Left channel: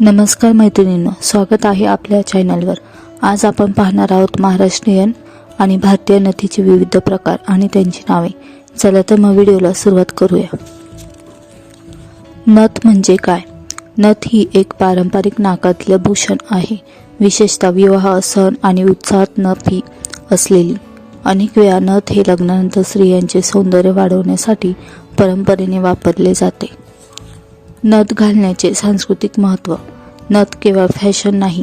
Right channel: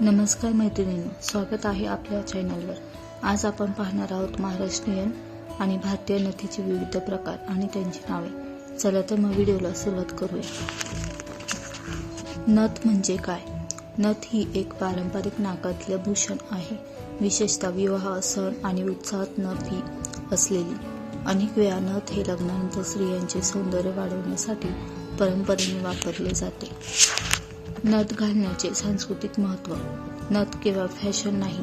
नमस्कार मैत्रिणींनो स्वागत आहे आपल्या चॅनलवर. आज आपण पाहणार आहोत महाराष्ट्रीयन आणि भारतीय नथीचे विविध प्रकार आणि त्यांची नावे. चला तर मग व्हिडिओला सुरुवात करूया. नथ म्हणजे काय? नथ ही एक पारंपरिक नाकातलं भूषण आहे. विशेषतः विवाह सण आणि उत्साहात नथ ही असलेली. अनेक वेळा नथ हे लग्नानंतर स्त्रियांचे सौंदर्य वाढवण्यासाठी परंपरेने वापरले जाते. नथ घालण्याचे सांस्कृतिक महत्त्व. नथ केवळ फॅशन नाही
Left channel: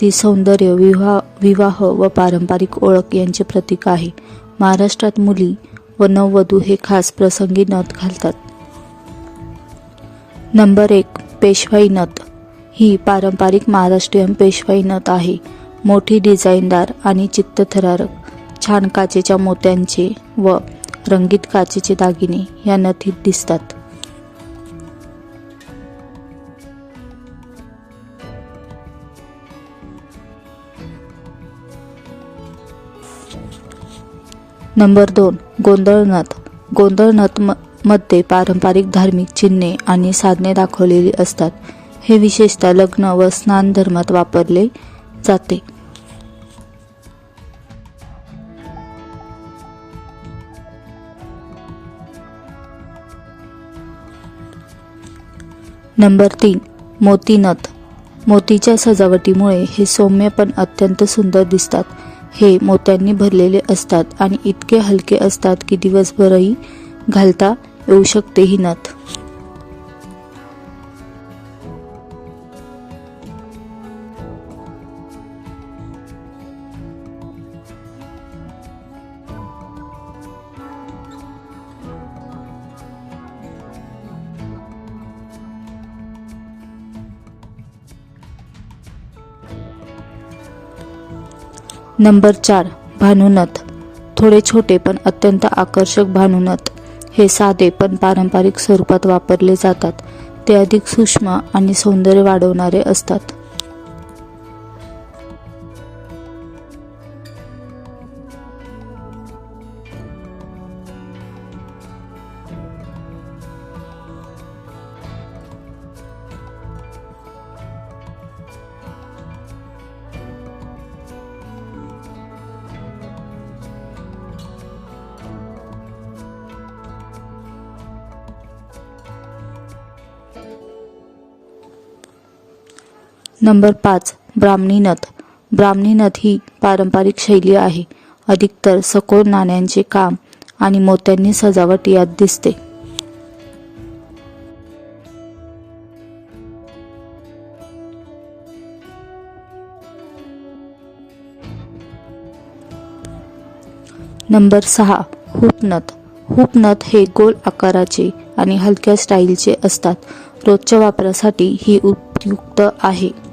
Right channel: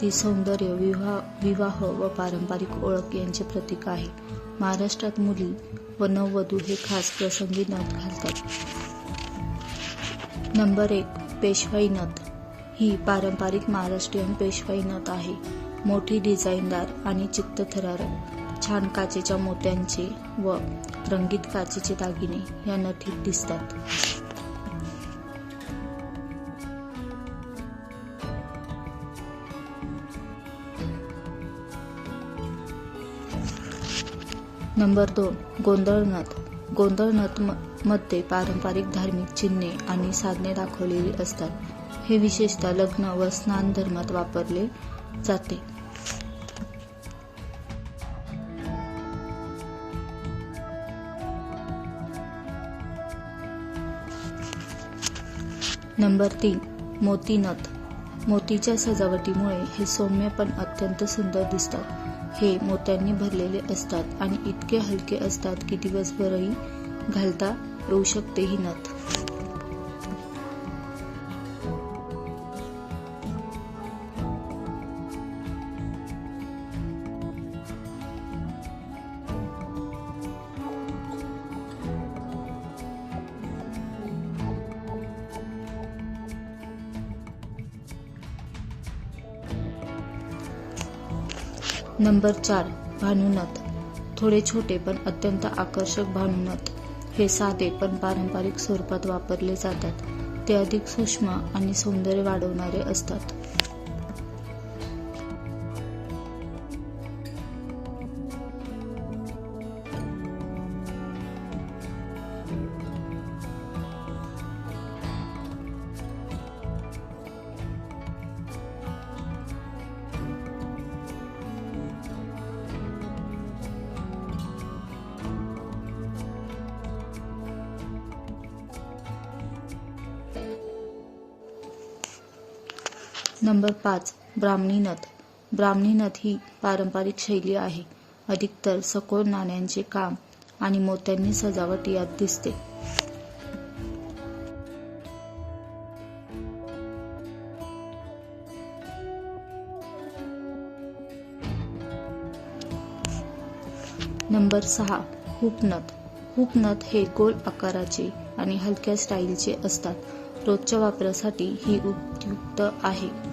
ती सौंदर्य विवाह विवाह व पारंपरिक ओळख यांचे प्रतीक आहे. महाराष्ट्रात मुली व नववधू हे खास प्रसंगी नथ घालतात. नंबर एक पेशवाई नथ. ही पारंपरिक महाराष्ट्रीयन पेशवाई नथ आहे. मोठी डिझाईनदार आणि चित्तथरारक. छान काचेच्या मोत्यांचे व रंगीत काचेचे दागिने या नथीत दिसतात. नंबर दोन गोंधळनाथ. गोंधळनाथ गोंधळ म मध्ये पारंपरिक धार्मिक चिन्हे आणि साधने दाखवलेली असतात. हे विशेषतः लग्न व स्नान धर्मात वापरले जाते. नंबर तीन मोतीनथ. मोतीच्या सजावटीमुळे हे सौम्य पण अत्यंत सुंदर दिसतात. हे मोत्यांनी भरलेले असतात आणि इतके हलके असतात की दिवसभरही घालता येऊ शकते ही नथ नंबर चार भानुनथ. थोडे छोटे पण अत्यंत आकर्षक भानुनथ. हे साधे पण पारंपरिक स्वरूपात वापरले जातात. ते अधिक सूक्ष्म आणि सौंदर्य वाढवणारे असतात. नंबर पाच ब्राह्मणी नथ. ब्राह्मणी नथ ही पारंपरिक शैली आहे. अधिकतर सखोल नाण्यांचे काम आणि मोत्यांनी सजावट यात दिसते. नंबर सहा हुपनथ हुपनथ हे गोल आकाराचे आणि हलक्या स्टाईलचे असतात. रोजच्या वापरासाठी ही उपयुक्त आहे.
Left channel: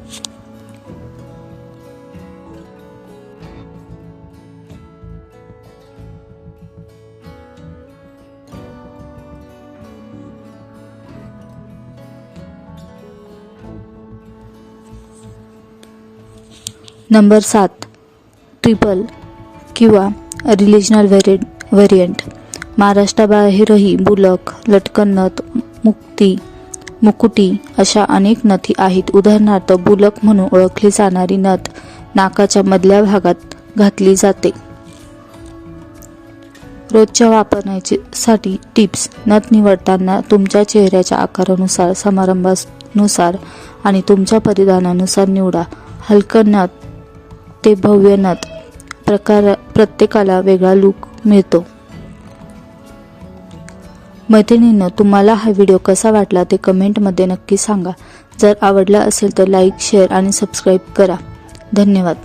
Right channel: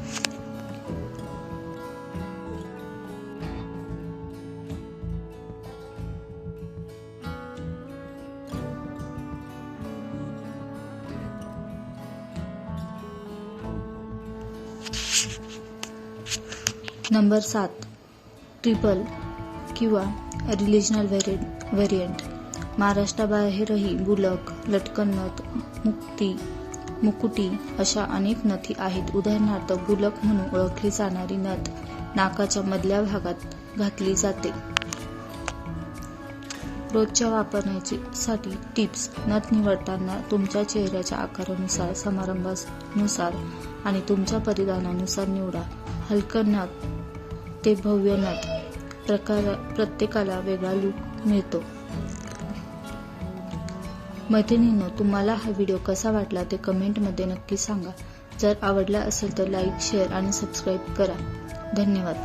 नंबर सात ट्रिपल किंवा रिलिजनल व्हेरि व्हेरियंट महाराष्ट्राबाहेरही बुलक लटकन नथ मुक्ती मुकुटी अशा अनेक नथी आहेत. उदाहरणार्थ बुलक म्हणून ओळखली जाणारी नथ नाकाच्या मधल्या भागात घातली जाते. रोजच्या वापरण्याची साठी टिप्स. नथ निवडताना तुमच्या चेहऱ्याच्या आकारानुसार समारंभानुसार आणि तुमच्या परिधानानुसार निवडा. हलकं नथ ते भव्य नथ प्रकार प्रत्येकाला वेगळा लुक मिळतो. मैत्रिणीनं तुम्हाला हा व्हिडिओ कसा वाटला ते कमेंटमध्ये नक्की सांगा. जर आवडला असेल तर लाईक शेअर आणि सबस्क्राईब करा. धन्यवाद.